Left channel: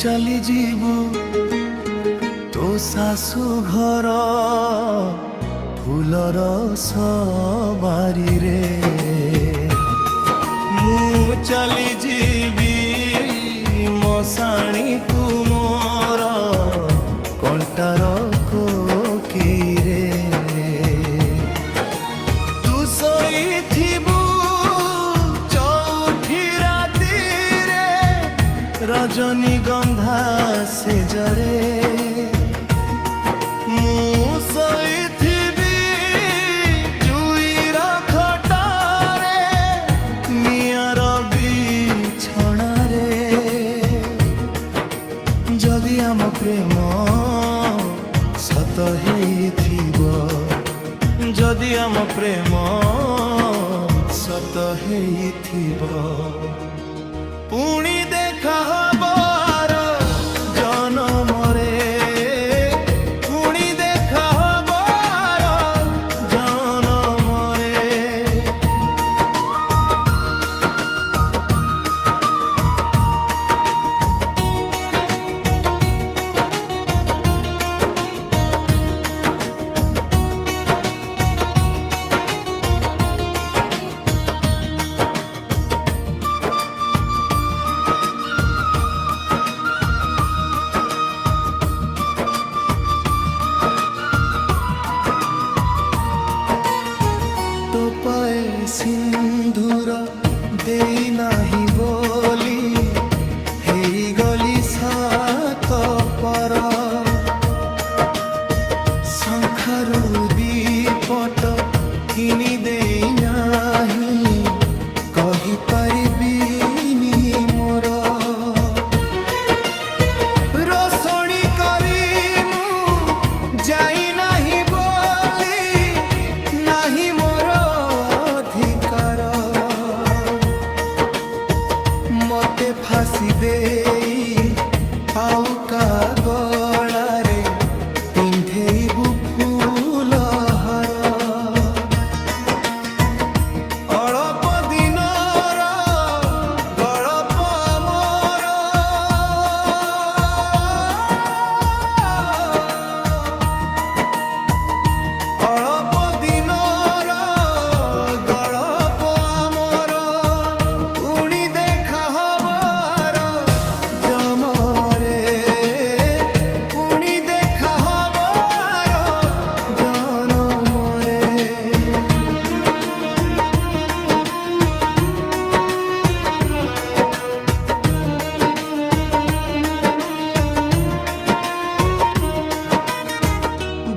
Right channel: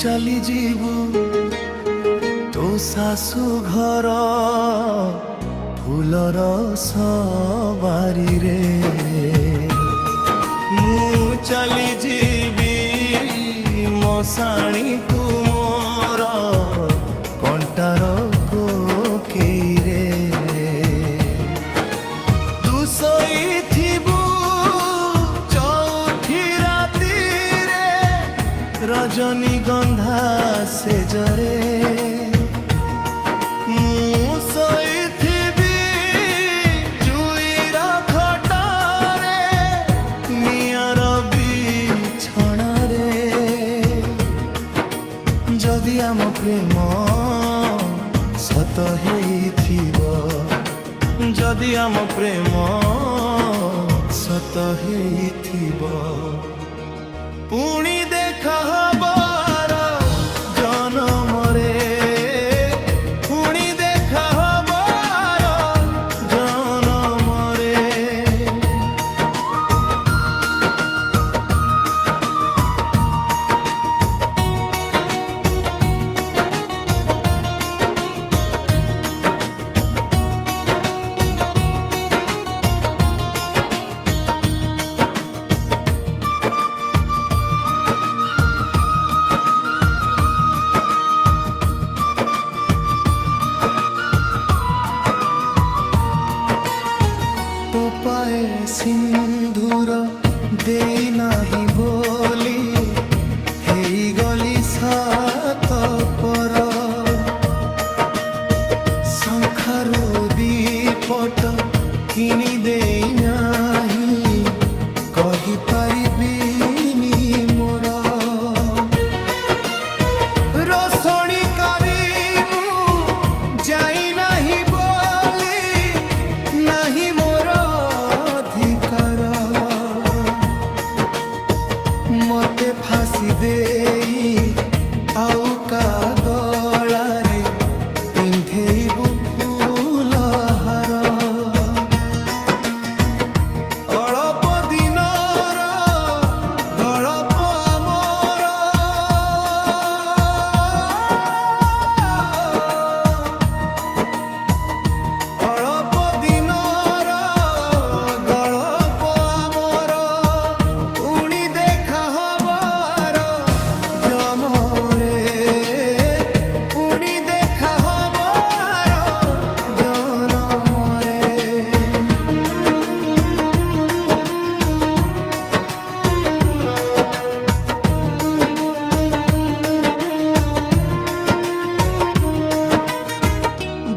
चली जीवु तो सासु घर फूलर सवारी रे मु चली जीवी मशाणी तू मोर कंटार कोकेरे तू सोईथिबु चौथी राती रे रजनी गंधा से जरे मु सोईथिबि जुईर खटारे नियर बिछणारे जदि आम प्रेम सत हेइथिबो जदि आम प्रेम सत हेइथिबो पुणी देखा हबार जनमरे पुणी देखा हबार जनमरे टोपाए सिंधुर देई नाही बोली हेई गली सात पर शंखारु दीपट किनी देई नाही कहि पारिबिनी मोर रोशनी करी मु जाई नाही बोली नाही मोर अधिकार मते फांसी देई आउ का गलारे पिंधेबु फूल हार अल्प दिनर गल्प आमर अल्प दिनर गल्प आमर उणी देखा हबार जमरे पुणी देखा हबार जनमरे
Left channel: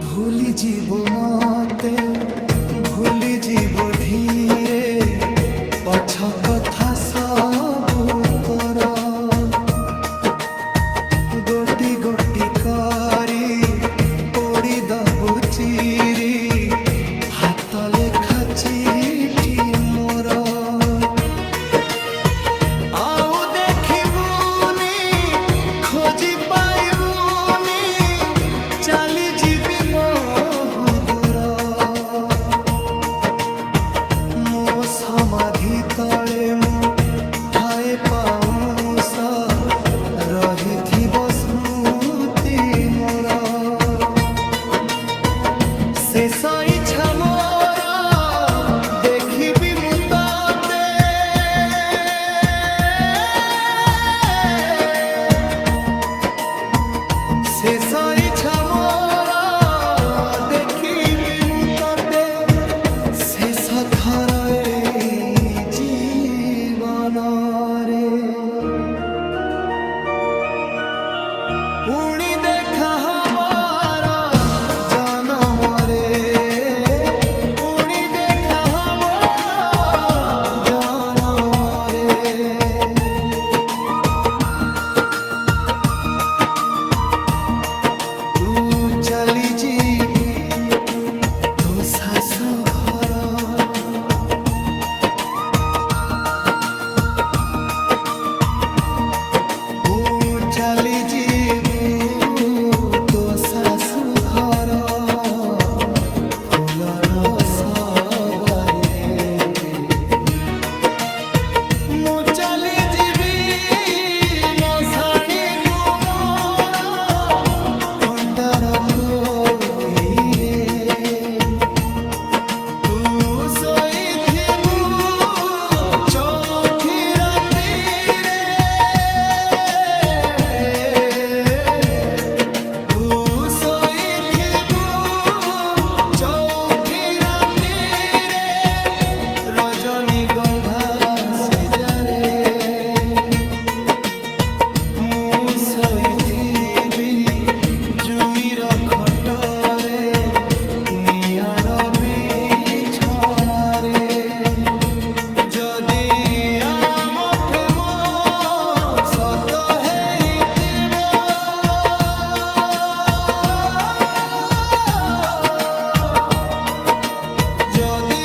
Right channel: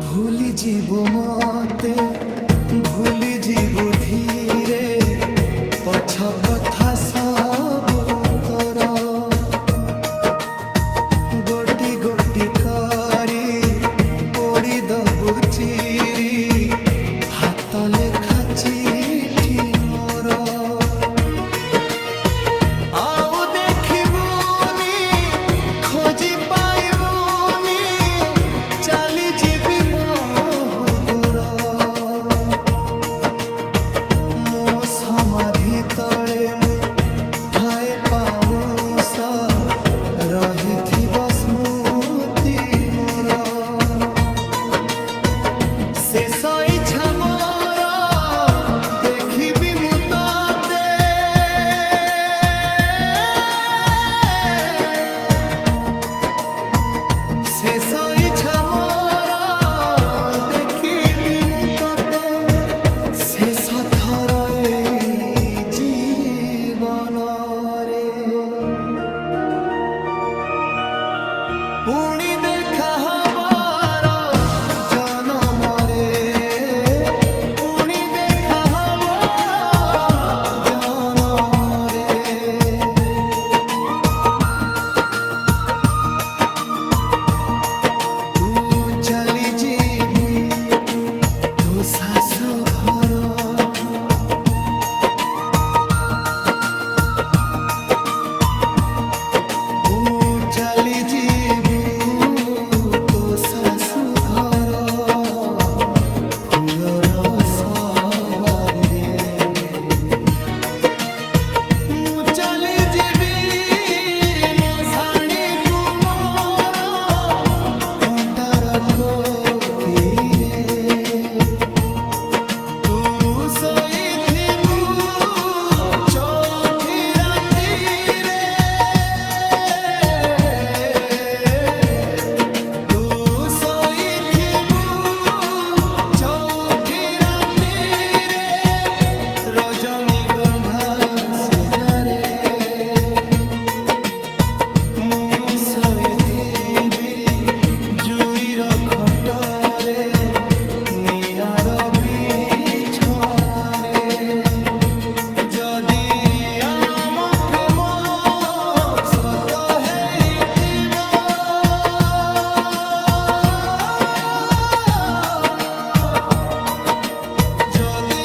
भूली जीवु मते भूली जीवु धीरे पछ कथा सबु तोर गोटी गोटी करी पोड़ी दबु चिरी हाथ लेखा चिठी मोर आउ देखिबुनी खोजी पाइबुनी चली जीवी बहु दूर मो समाधि तले मु ठाए पाउस रहिथिब स्मृति मोर शेष इच्छा मोर देखिबि मु तते शेष इच्छा मोर देखिबि मु तते शेष थर ए जीवन रे पुणी देखा हबार जनमरे पुणी देखा हबार जनमरे तू चली जीवु तो सासु घर चली जीवु तो सासु घर फूलर सवारी रे मु चली जीवी मशाणी को କୋକିରେ ତୁ ଶୋଇଥିବୁ ଚଉଠି ରାତିରେ ତୁ ଶୋଇଥିବୁ ଚଉଠି ରାତିରେ ରଜନୀଗନ୍ଧା ସେଜାରେ ମୁଁ ଶୋଇଥିବି ଜୁଇର ଖଟରେ ନିଆଁର ବିଛଣାରେ ଯଦି ଆମ ପ୍ରେମ ସତ ହେଇଥିବ ଯଦି